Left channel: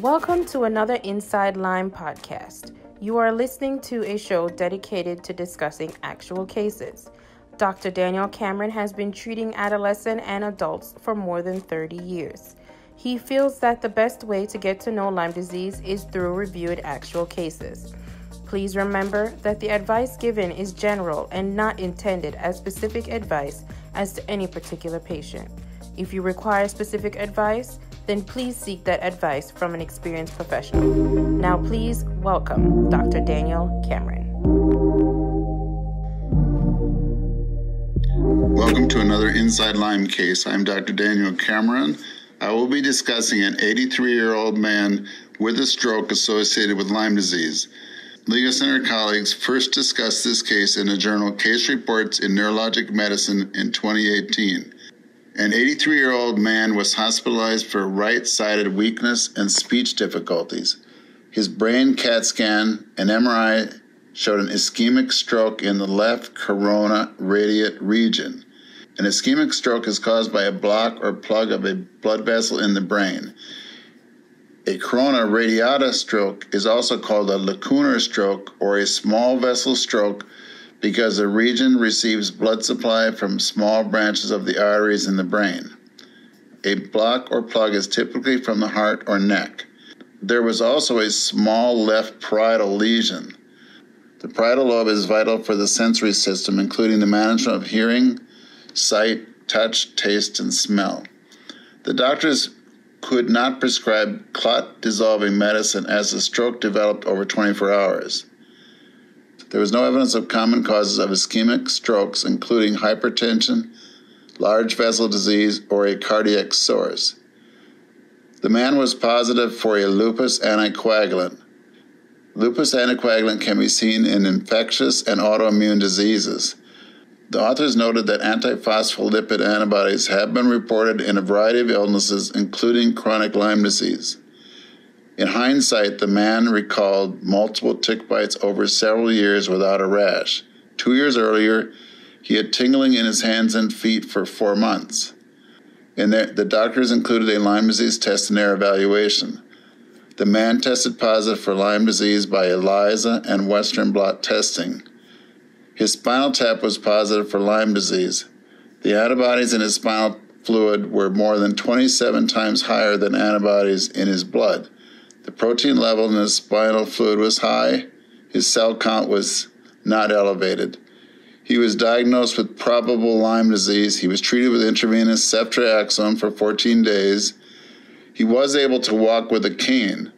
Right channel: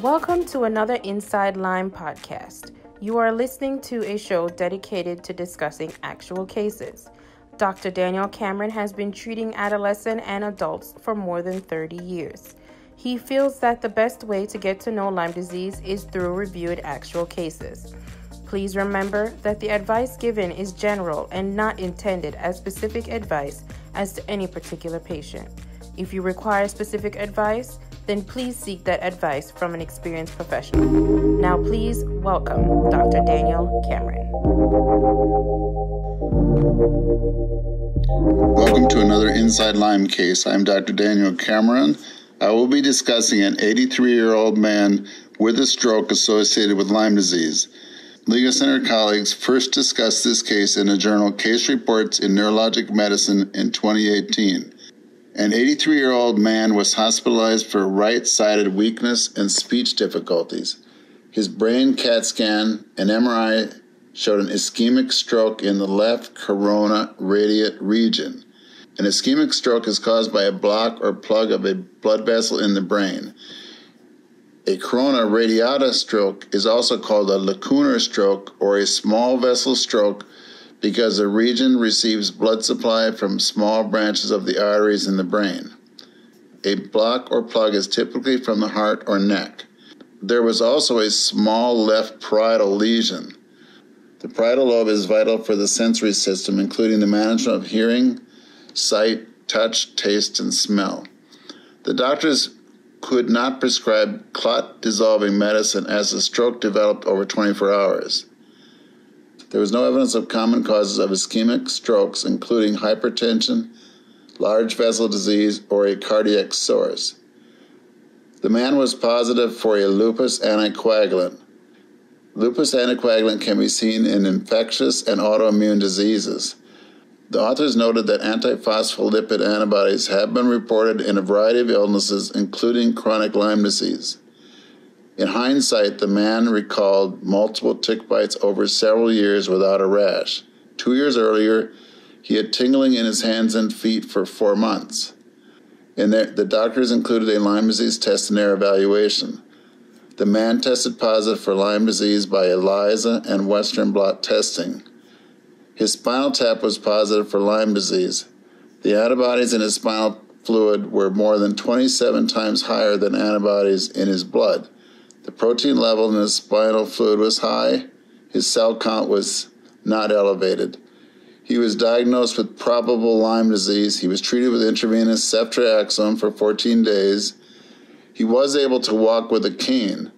Welcome to another Inside Lyme podcast. You are listening to a show dedicated to discussing actual cases. Dr. Daniel Cameron has been treating adolescents and adults for more than 30 years. He feels that the best way to get to know Lyme disease is through reviewed actual cases. Please remember that the advice given is general and not intended as specific advice as to any particular patient. If you require specific advice, then please seek that advice from an experienced professional. Now please welcome Dr. Daniel Cameron. Welcome to another Inside Lyme case. I'm Dr. Daniel Cameron. I will be discussing an 83-year-old man with a stroke associated with Lyme disease. Legast and her colleagues first discussed this case in the journal Case Reports in Neurological Medicine in 2018. An 83-year-old man was hospitalized for right-sided weakness and speech difficulties. His brain CAT scan and MRI showed an ischemic stroke in the left corona radiate region. An ischemic stroke is caused by a block or plug of a blood vessel in the brain. A corona radiata stroke is also called a lacunar stroke or a small vessel stroke because the region receives blood supply from small branches of the arteries in the brain. A block or plug is typically from the heart or neck. There was also a small left parietal lesion. The parietal lobe is vital for the sensory system, including the management of hearing, sight, touch, taste, and smell. The doctors could not prescribe clot-dissolving medicine as the stroke developed over 24 hours. There was no evidence of common causes of ischemic strokes, including hypertension, large vessel disease, or a cardiac source. The man was positive for a lupus anticoagulant. Lupus anticoagulant can be seen in infectious and autoimmune diseases. The authors noted that antiphospholipid antibodies have been reported in a variety of illnesses, including chronic Lyme disease. In hindsight, the man recalled multiple tick bites over several years without a rash. 2 years earlier, he had tingling in his hands and feet for 4 months. The doctors included a Lyme disease test in their evaluation. The man tested positive for Lyme disease by ELISA and Western blot testing. His spinal tap was positive for Lyme disease. The antibodies in his spinal fluid were more than 27 times higher than antibodies in his blood. The protein level in his spinal fluid was high. His cell count was not elevated. He was diagnosed with probable Lyme disease. He was treated with intravenous ceftriaxone for 14 days. He was able to walk with a cane,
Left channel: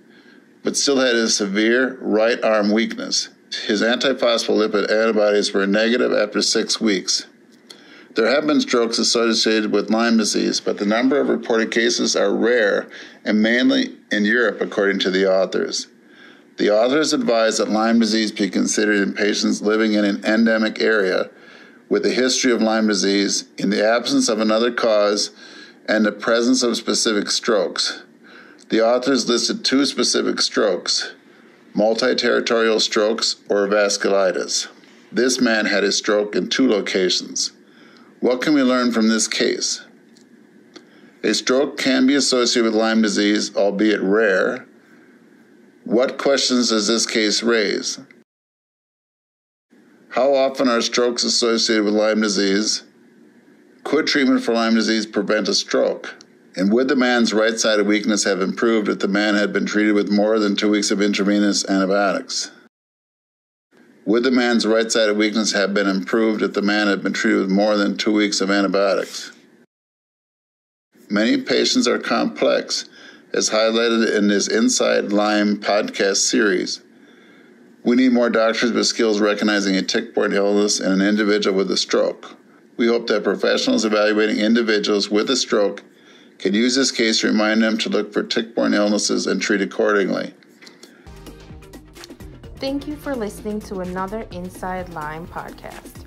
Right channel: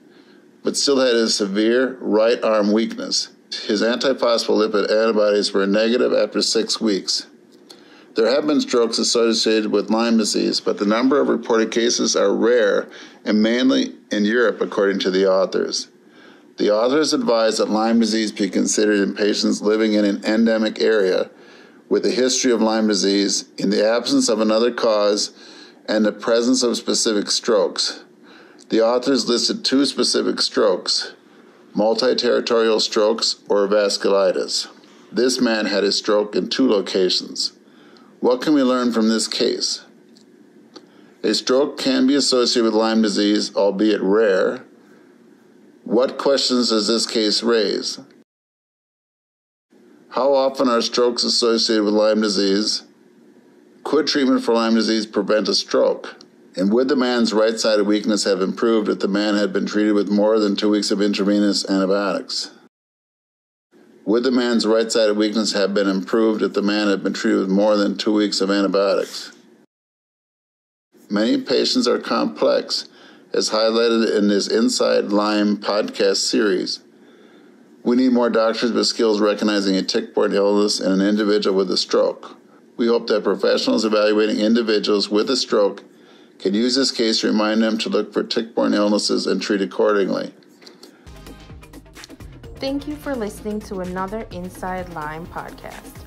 but still had a severe right arm weakness. His antiphospholipid antibodies were negative after 6 weeks. There have been strokes associated with Lyme disease, but the number of reported cases are rare and mainly in Europe, according to the authors. The authors advise that Lyme disease be considered in patients living in an endemic area with a history of Lyme disease in the absence of another cause and the presence of specific strokes. The authors listed 2 specific strokes: multi-territorial strokes or vasculitis. This man had a stroke in 2 locations. What can we learn from this case? A stroke can be associated with Lyme disease, albeit rare. What questions does this case raise? How often are strokes associated with Lyme disease? Could treatment for Lyme disease prevent a stroke? And would the man's right-sided weakness have improved if the man had been treated with more than 2 weeks of intravenous antibiotics? Would the man's right-sided weakness have been improved if the man had been treated with more than 2 weeks of antibiotics? Many patients are complex, as highlighted in this Inside Lyme podcast series. We need more doctors with skills recognizing a tick-borne illness in an individual with a stroke. We hope that professionals evaluating individuals with a stroke can use this case to remind them to look for tick-borne illnesses and treat accordingly. Thank you for listening to another Inside Lyme podcast,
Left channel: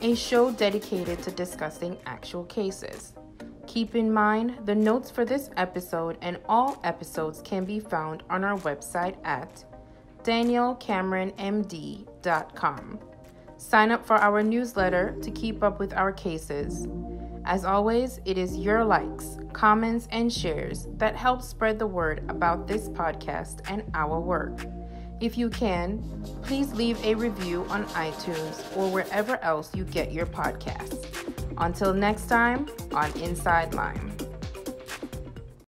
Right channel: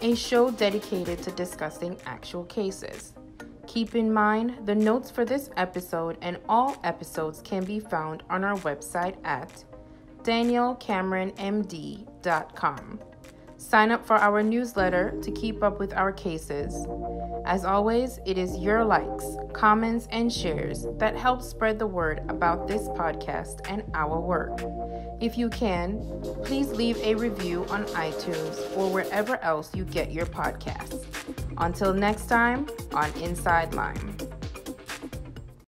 a show dedicated to discussing actual cases. Keep in mind, the notes for this episode and all episodes can be found on our website at danielcameronmd.com. Sign up for our newsletter to keep up with our cases. As always, it is your likes, comments, and shares that help spread the word about this podcast and our work. If you can, please leave a review on iTunes or wherever else you get your podcasts. Until next time on Inside Lyme.